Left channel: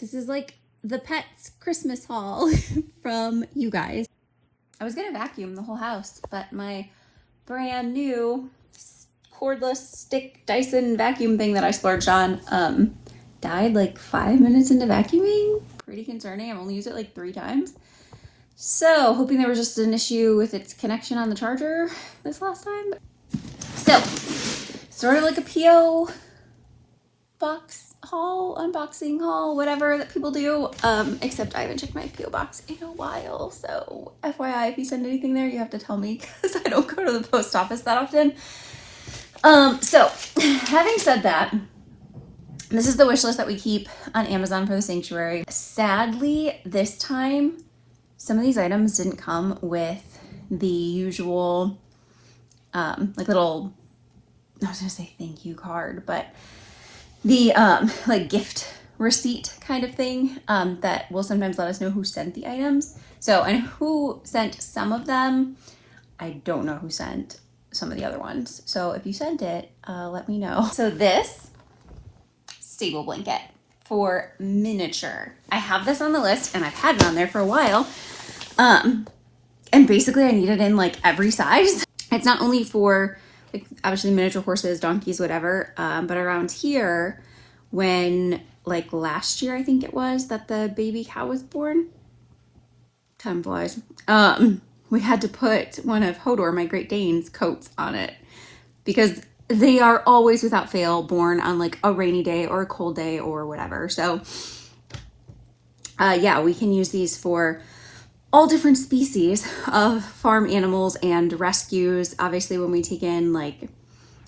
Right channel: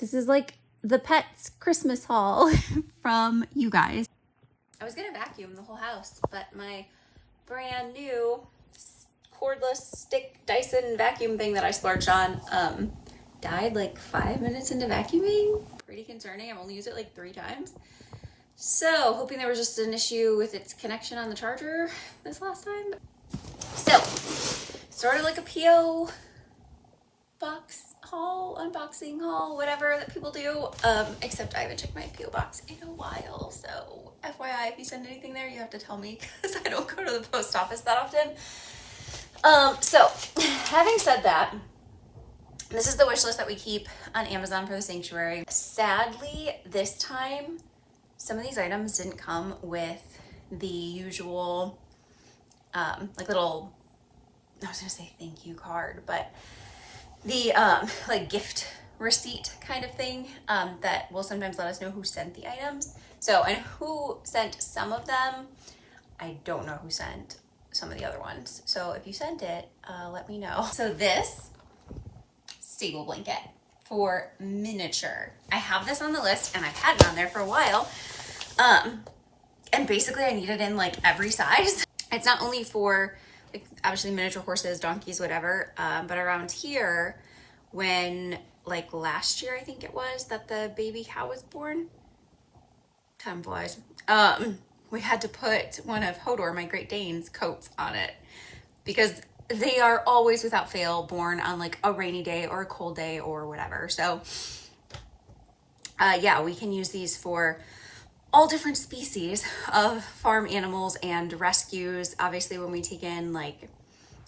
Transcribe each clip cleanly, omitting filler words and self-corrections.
This is like the pets Christmas haul from you guys. I was gonna vacuum the whole house, but my brand new cordless stick Dyson vacuum thing that I splurged on died like 5 minutes into vacuuming. Pretty concerning. I've only used it like 3 times. So hoping there was just an issue with its connection on the charger this last time. So sort of like a PO box haul, unboxing haul, whatever that people do, except I haven't checked my PO box in a while, so FYI, if you send anything there, you have to tell me because I don't go to the post office that often. So having said that, this is the wish list that we keep on Amazon for the sanctuary. Sadly, this time some of these items didn't come with the usual like little, I was gonna say thank you card, but the like gift receipt kind of thing that will sometimes let us know who sent the items. So I know who sent some of them. I don't know who sent some of the other ones. So if you sent it, let me know. So this stable blanket for miniature. I have this on the list and I've had it on there for a while. And basically I need it in like every size. It's not only for like obviously miniature horses, donkeys, whatever. But around here, when like last year, I think it was that the baby cow was born, time flies. We had to put one of Hodor, my Great Dane's coats on it because they are always without fail born on like a rainy day or a cold day or whatever. So yeah, we can use these for all different species of farm animals and rescues. Obviously, when we take in like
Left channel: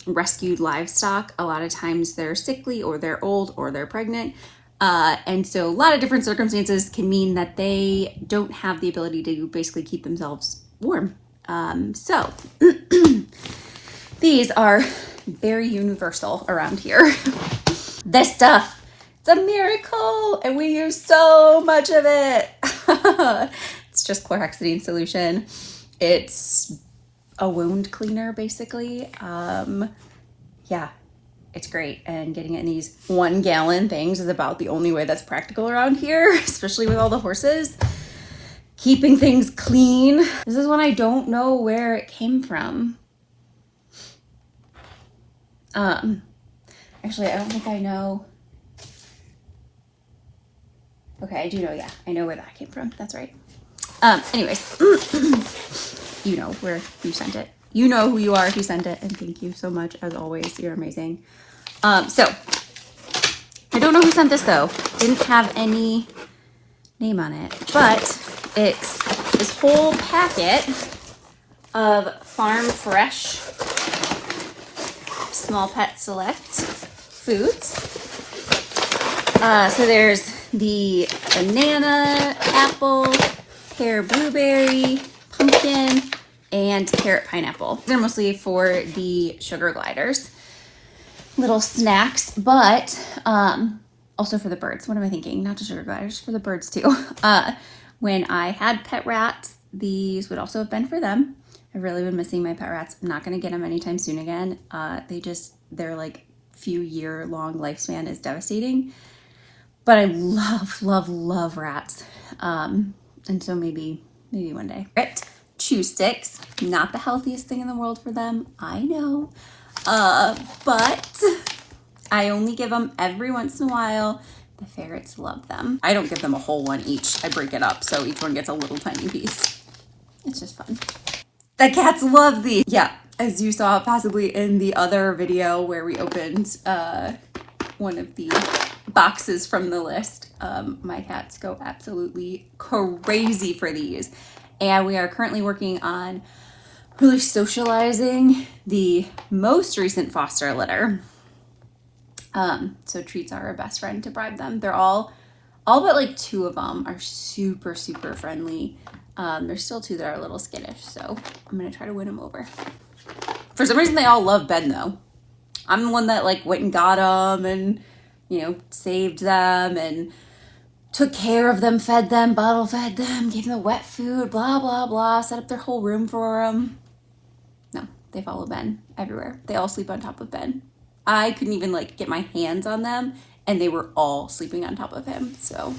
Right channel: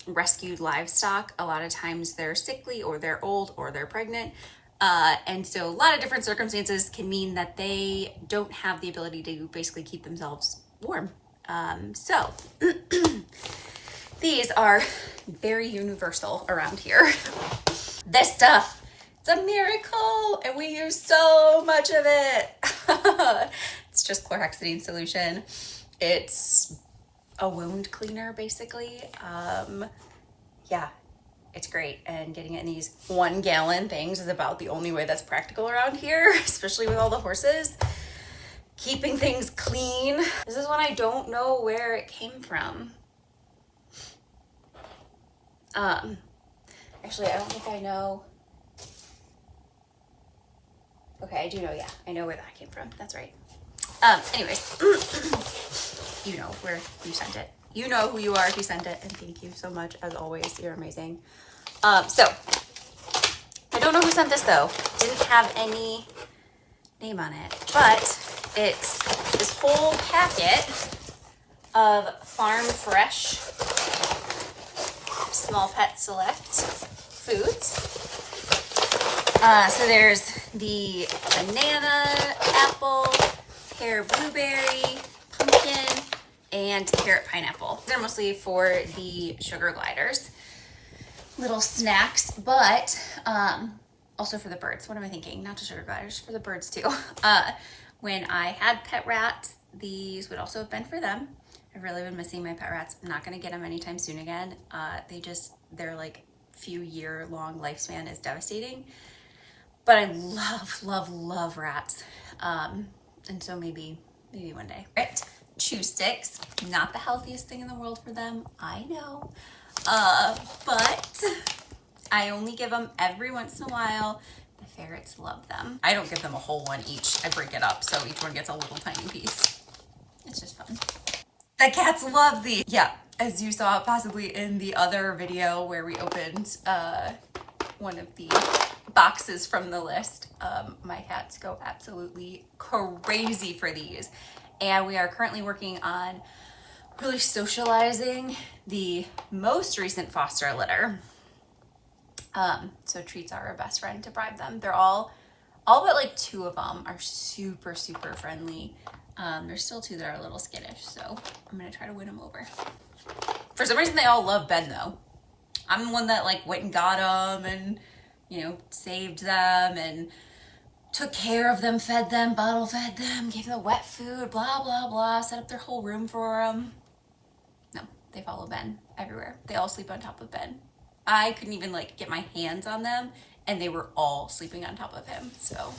rescued livestock, a lot of times they're sickly or they're old or they're pregnant. And so a lot of different circumstances can mean that they don't have the ability to basically keep themselves warm. So these are very universal around here. This stuff, it's a miracle and we use so much of it. It's just chlorhexidine solution. It's a wound cleaner, basically. Yeah, it's great. And getting it in these 1 gallon things is about the only way that's practical around here, especially with all the horses. Keeping things clean. This is one I don't know where it came from. Actually, I don't think I know. Okay, I do know, yeah. I know where that came from. That's right. Anyways, you know where you sent it. You know who you are if you sent it, and thank you so much, as always. You're amazing. So, I don't know who sent this, though. Didn't have any name on it, but it's this whole packet of Farm Fresh Small Pet Select foods. So there's the banana, apple, pear blueberry, pumpkin, and carrot pineapple. They're mostly for the sugar gliders. Little snacks, but also for the birds. What am I thinking? Not the sugar gliders, for the birds too. When I had pet rats, these would also have been for them. I've really been missing my pet rats. I'm not gonna get them anytime soon again. Their like few year long lifespan is devastating. But I love rats. And so maybe one day. Right, chew sticks, not the healthiest thing in the world for them, I know. But I only give them every once in a while. The ferrets love them. I don't give them a whole one each. I break it up so each one gets a little tiny piece. It's just fun. The cats love these. Yeah, as you saw possibly in the other video where we opened one of the boxes from the list. My cats go absolutely crazy for these. And we are currently working on really socializing the most recent foster litter. So treats are our best friend to bribe them. They're all but like 2 of them are super friendly. There's still 2 that are a little skittish, so I'm gonna try to win them over. For some reason, they all love Ben though. I'm the one that like went and got them and, you know, saved them and took care of them, fed them, bottle fed them, gave them wet food, blah, blah, blah, set up their whole room for them. No, they follow Ben everywhere. They all sleep on top of Ben. I couldn't even like get my hands on them and they were all sleeping on top of him. So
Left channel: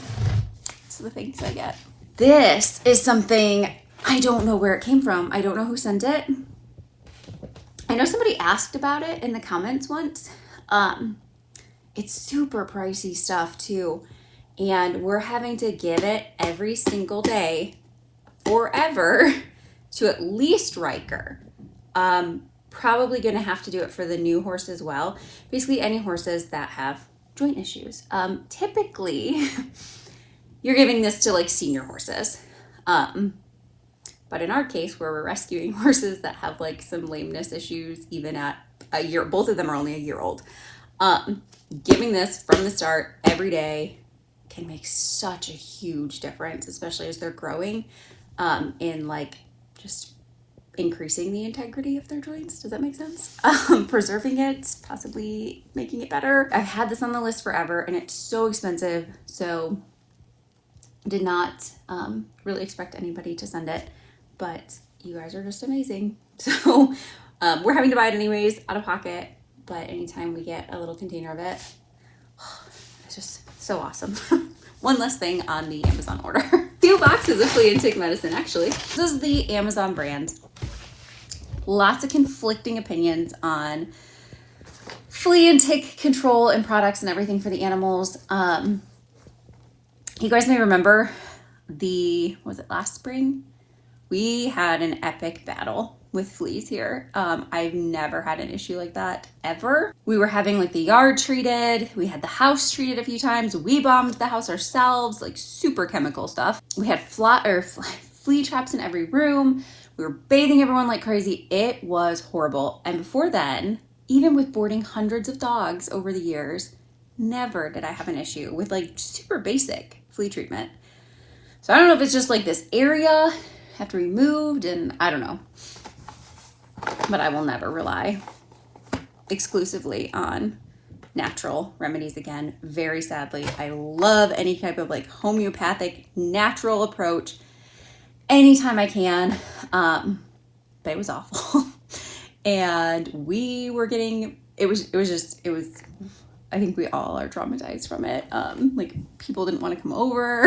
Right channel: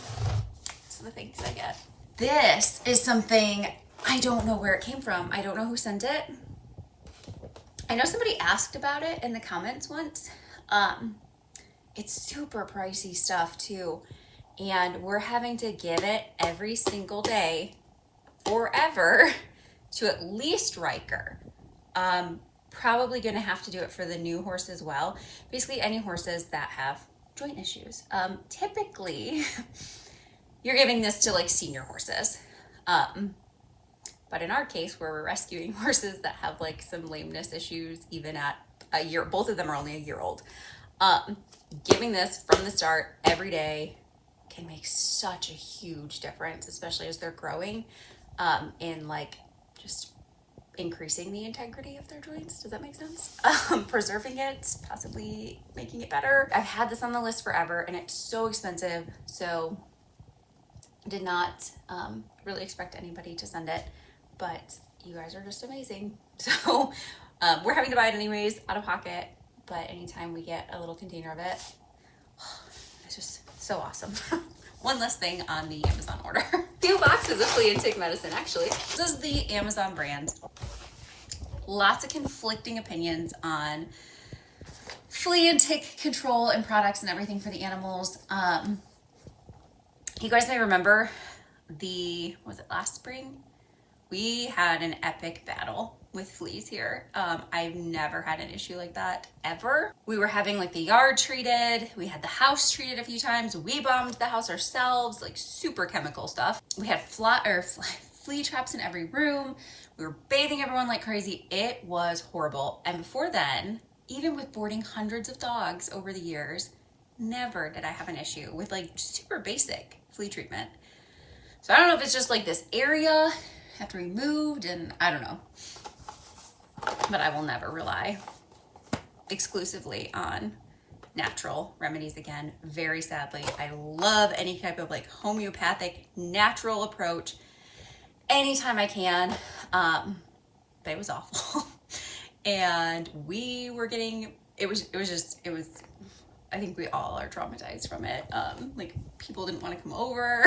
the things I get. This is something I don't know where it came from. I don't know who sent it. I know somebody asked about it in the comments once. It's super pricey stuff too. And we're having to give it every single day forever to at least Riker. Probably gonna have to do it for the new horse as well. Basically any horses that have joint issues. Typically, you're giving this to like senior horses. But in our case, where we're rescuing horses that have like some lameness issues, even at a year, both of them are only a year old. Giving this from the start every day can make such a huge difference, especially as they're growing, in like just increasing the integrity of their joints. Does that make sense? Preserving it, possibly making it better. I've had this on the list forever and it's so expensive. So did not really expect anybody to send it, but you guys are just amazing. So we're having to buy it anyways, out of pocket, but anytime we get a little container of it, it's just so awesome. One less thing on the Amazon order. 2 boxes of flea and tick medicine, actually. This is the Amazon brand. Lots of conflicting opinions on flea and tick control and products and everything for the animals. You guys may remember was it last spring? We had an epic battle with fleas here. I've never had an issue like that ever. We were having like the yard treated. We had the house treated a few times. We bombed the house ourselves, like super chemical stuff. We had flea traps in every room. We were bathing everyone like crazy. It was horrible. And before then, even with boarding hundreds of dogs over the years, never did I have an issue with like super basic flea treatment. So I don't know if it's just like this area have to be moved, and I don't know. But I will never rely exclusively on natural remedies again, very sadly. I love any type of like homeopathic natural approach anytime I can. But it was awful. And we were getting, I think we all are traumatized from it. Like people didn't want to come over.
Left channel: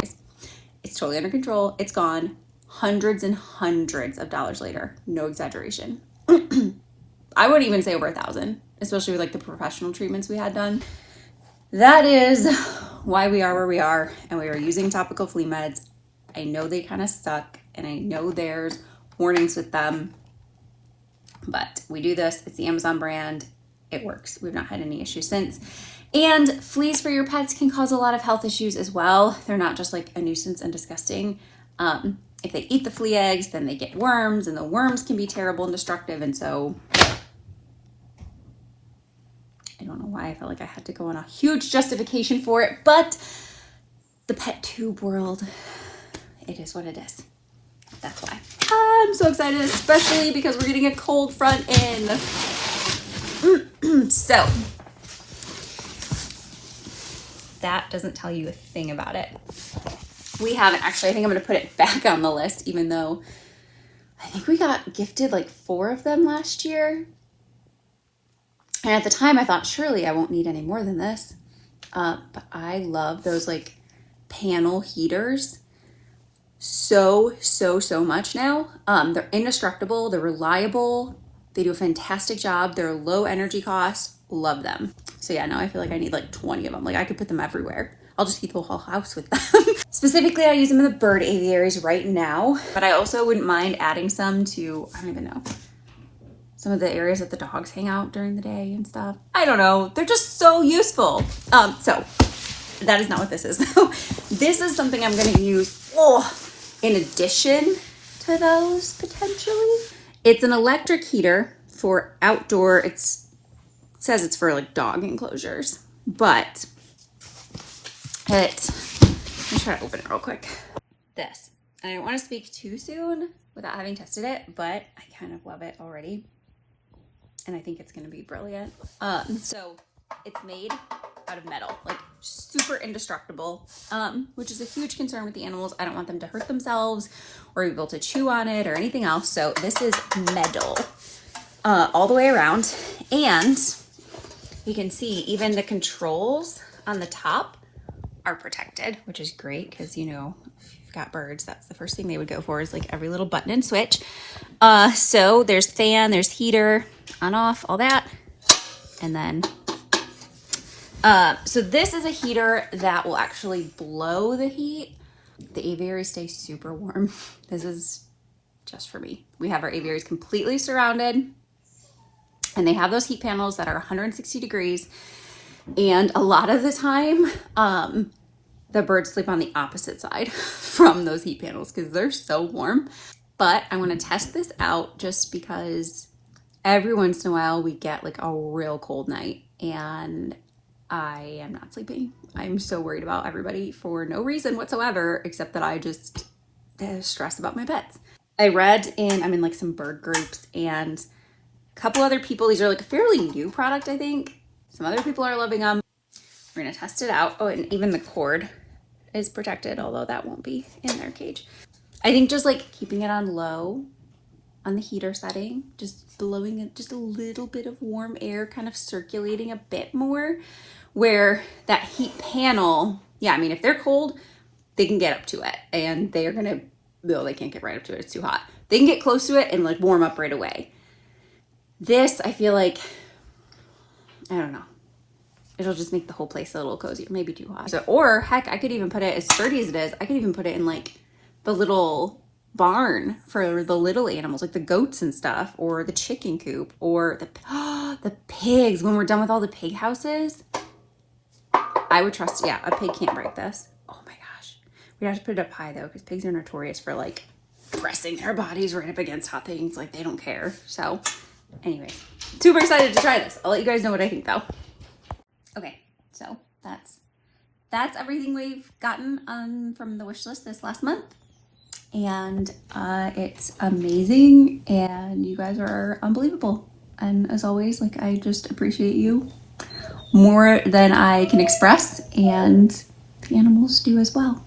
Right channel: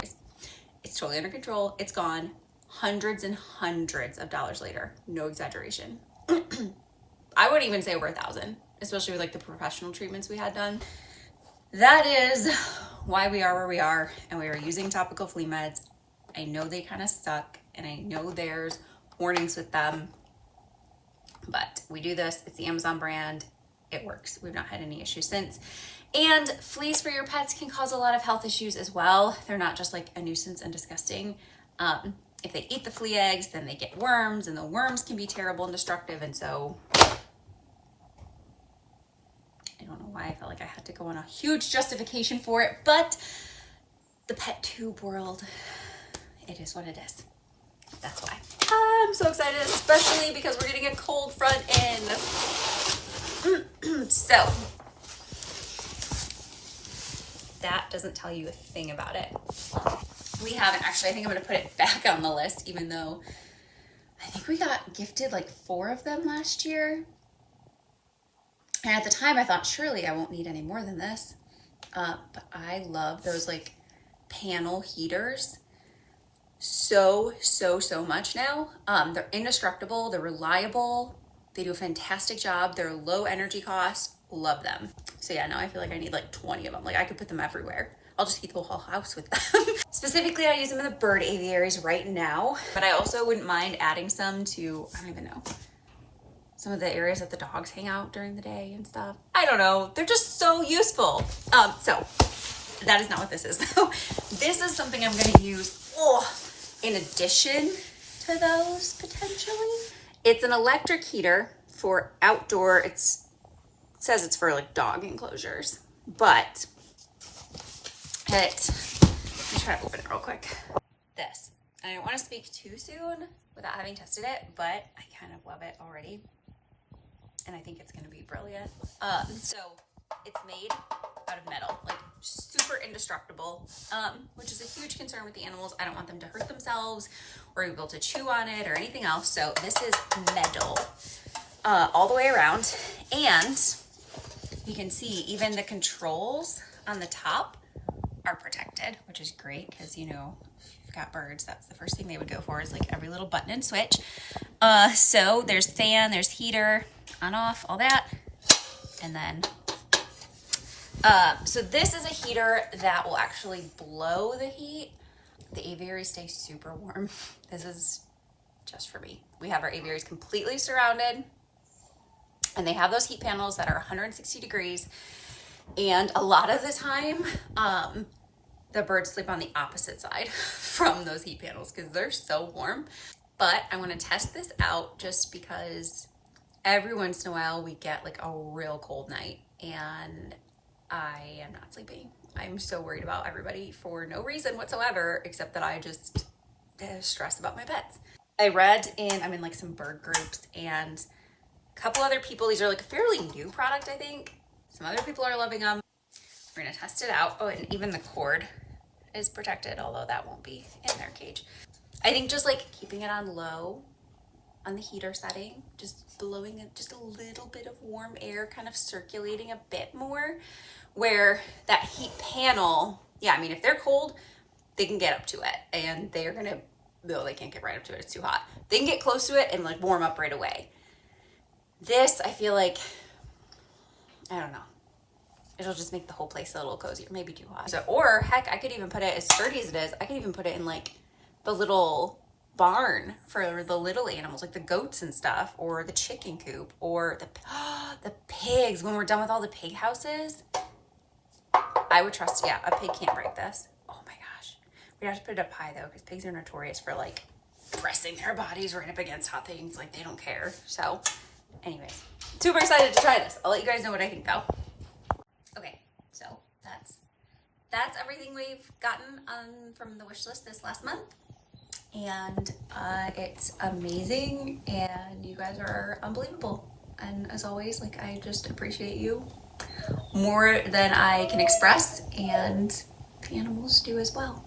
It's totally under control. It's gone. Hundreds and hundreds of dollars later. No exaggeration. I wouldn't even say over 1,000, especially with like the professional treatments we had done. That is why we are where we are, and we are using topical flea meds. I know they kind of suck, and I know there's warnings with them, but we do this. It's the Amazon brand. It works. We've not had any issues since. And fleas for your pets can cause a lot of health issues as well. They're not just like a nuisance and disgusting. If they eat the flea eggs, then they get worms, and the worms can be terrible and destructive. And so I don't know why I felt like I had to go on a huge justification for it, but the pet tube world, it is what it is. That's why. I'm so excited, especially because we're getting a cold front in. So that doesn't tell you a thing about it. We haven't actually, I think I'm going to put it back on the list, even though I think we got gifted like 4 of them last year. And at the time I thought, surely I won't need any more than this. But I love those like panel heaters so much now. They're indestructible. They're reliable. They do a fantastic job. They're low energy cost. Love them. So yeah, now I feel like I need like 20 of them. Like I could put them everywhere. I'll just heat the whole house with them. Specifically, I use them in the bird aviaries right now, but I also wouldn't mind adding some to, I don't even know, some of the areas that the dogs hang out during the day and stuff. I don't know. They're just so useful. So that is not what this is though. This is something I'm going to use in addition to those potentially. It's an electric heater for outdoor. It says it's for like dog enclosures, but let me try to open it real quick. This, and I don't want to speak too soon without having tested it, but I kind of love it already. And I think it's going to be brilliant. So it's made out of metal, like super indestructible, which is a huge concern with the animals. I don't want them to hurt themselves or be able to chew on it or anything else. So this is metal all the way around. And you can see even the controls on the top are protected, which is great because, you know, if you've got birds, that's the first thing they would go for is like every little button and switch. So there's fan, there's heater, on off, all that. And then, so this is a heater that will actually blow the heat. The aviaries stay super warm. This is just for me. We have our aviaries completely surrounded, and they have those heat panels that are 160 degrees. And a lot of the time, the birds sleep on the opposite side from those heat panels because they're so warm. But I want to test this out just because every once in a while we get like a real cold night and I am not sleeping. I'm so worried about everybody for no reason whatsoever, except that I just stress about my pets. I'm in like some bird groups, and a couple other people, these are like a fairly new product, I think. Some other people are loving them. We're gonna test it out. Oh, and even the cord is protected, although that won't be in their cage. I think just like keeping it on low on the heater setting, just blowing it, just a little bit of warm air kind of circulating a bit more, where that heat panel, yeah, I mean, if they're cold, they can get up to it and they are gonna, no, they can't get right up to it, it's too hot. They can get close to it and like warm up right away. This, I feel like, I don't know, it'll just make the whole place a little cozier, maybe too hot. So, or heck, I could even put it, as sturdy as it is, I could even put it in like the little barn for the little animals, like the goats and stuff, or the chicken coop, or the pigs. When we're done with all the pig houses, I would trust, yeah, a pig can't break this. Oh my gosh. We'd have to put it up high though, because pigs are notorious for like pressing their bodies right up against hot things, like they don't care. So anyways, super excited to try this. I'll let you guys know what I think though. Okay, so that's everything we've gotten from the wish list this last month. And it's amazing, and you guys are unbelievable. And as always, like, I just appreciate you more than I can express, and the animals do as well.